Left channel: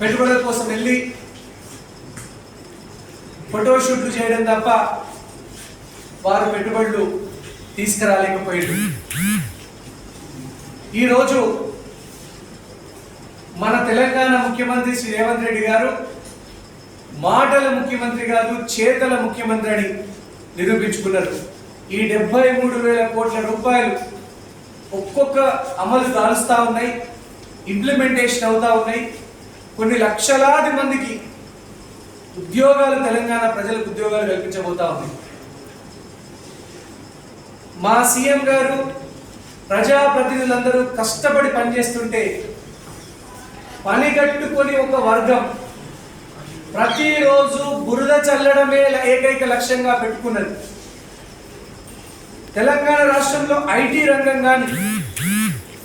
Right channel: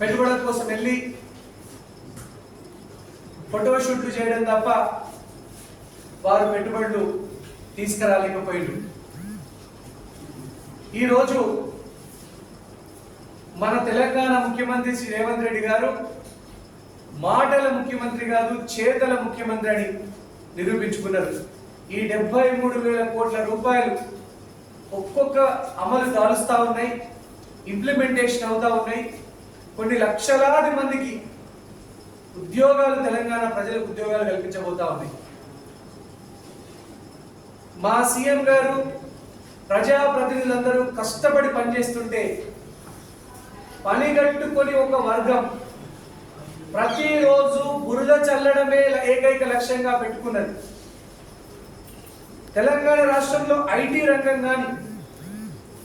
పెట్టుబడుల కోసం వెళ్ళి ఫోటోషూట్లు చేయడం తప్ప వారు పెట్టుబడులు తీసుకురాలేకపోయారు. ఈరోజు మన తెలంగాణ ముఖ్యమంత్రి శ్రీ రేవంత్ రెడ్డి గారు మాటల ముఖ్యమంత్రి కాదు, చేతల ముఖ్యమంత్రి అని నిరూపించుకున్నారు. ఈ 73,000 కోట్ల రూపాయలు ఒక్కొక్క అమలు దాలుస్తా ఉన్నాయి, ఇంప్లిమెంటేషన్ అవుతా ఉన్నాయి. కొన్ని లక్షలాది మందికి ఉద్యోగాలు, తెలంగాణ ప్రజలకు ఉద్యోగాలు కల్పించబోతా ఉంది. మా సీఎం గారు ప్రజాప్రతినిధులందరూ కష్టపడి పనిచేస్తుంటే పని కట్టుకొని ఒక వర్గం ప్రతిరోజు బురద చల్లడమే ఏకైక లక్ష్యంగా పెట్టుకున్నది. తెలంగాణ రాష్ట్రంలో ఐటీ రంగం కానీ,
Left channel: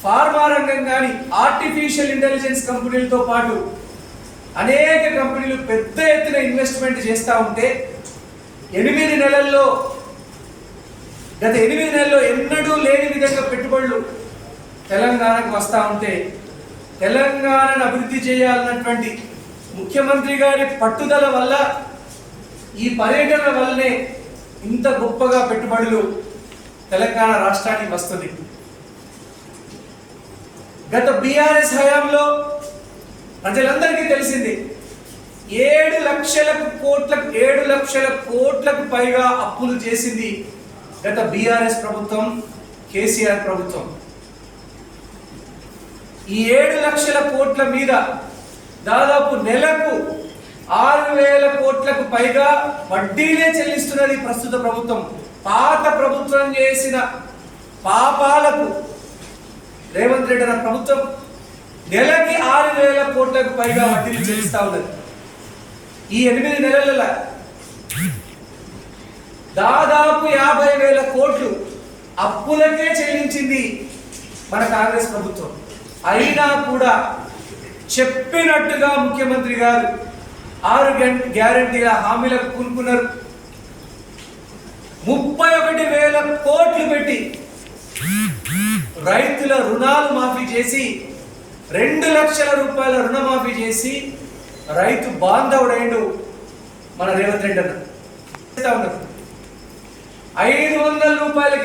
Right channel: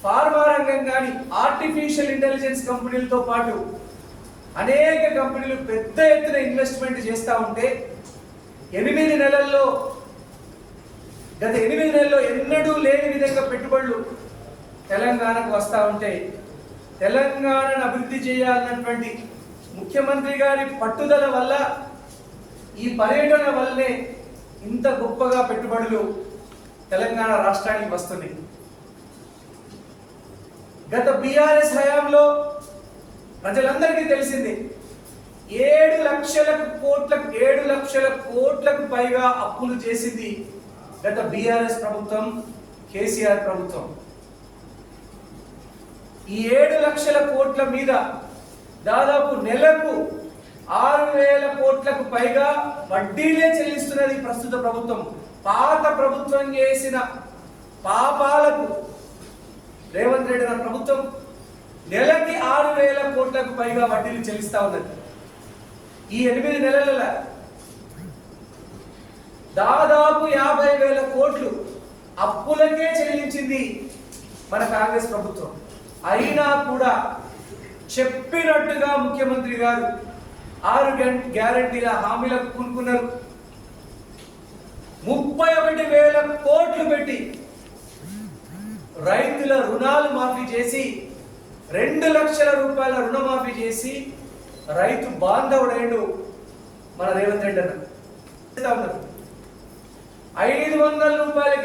ఫార్మా రంగం కానీ, ఆర్టిఫిషియల్ ఇంటెలిజెన్స్ కంపెనీలతో పాటు అనేక కంపెనీలు పెద్ద ఎత్తున ఇన్వెస్ట్మెంట్ చేస్తూ ఉంటే గత 8 నెలల్లో ఎన్నడూ లేని విధంగా పెట్టుబడులు తెలంగాణకు వస్తూ ఉంటే తెలంగాణను అభివృద్ధి చేయాలన్నటువంటి ముఖ్యమంత్రి గారి పట్టుదల వల్ల, ఈ పర్యటన వల్లనే ఇంత గొప్పగా పెట్టుబడులు తెలంగాణ రాష్ట్రానికి వస్తుంది. గత బీఆర్ఎస్ హయాంలో ప్రజలందరికీ తెలిసింది 7 లక్షల కోట్లకు పైగా అప్పులు చేసింది గత బీఆర్ఎస్ ప్రభుత్వం, కేసీఆర్ ప్రభుత్వం. ఈ 7 లక్షల కోట్ల మీద దాదాపు నెలకు 6,000 కోట్లకు పైగా వడ్డీనే చెల్లిస్తున్నది ప్రస్తుత ప్రభుత్వం. పాత ప్రభుత్వం చేసిన పాపాలకు రేవంత్ రెడ్డి గారి ప్రభుత్వం నెలకి 6,000 కోట్లకు పైగా వడ్డీలు చెల్లిస్తా ఉన్నది. ఈ 8 నెలల దాదాపు 50,000 కోట్లు అప్పులకే చెల్లించింది మన కాంగ్రెస్ ప్రభుత్వం. అయినా కూడా చెప్పినట్టుగా ముఖ్యమంత్రి గారు 6 గ్యారెంటీల హామీలకు కూనుకున్నారు. 31,000 కోట్లు పెట్టి రైతుల రుణాలు మాఫీ చేసి 2 లక్షల రూపాయల రుణమాఫీ చేసి రైతు బాంధవుడైండు మన రేవంత్ రెడ్డి అన్న. 500 రూపాయలకి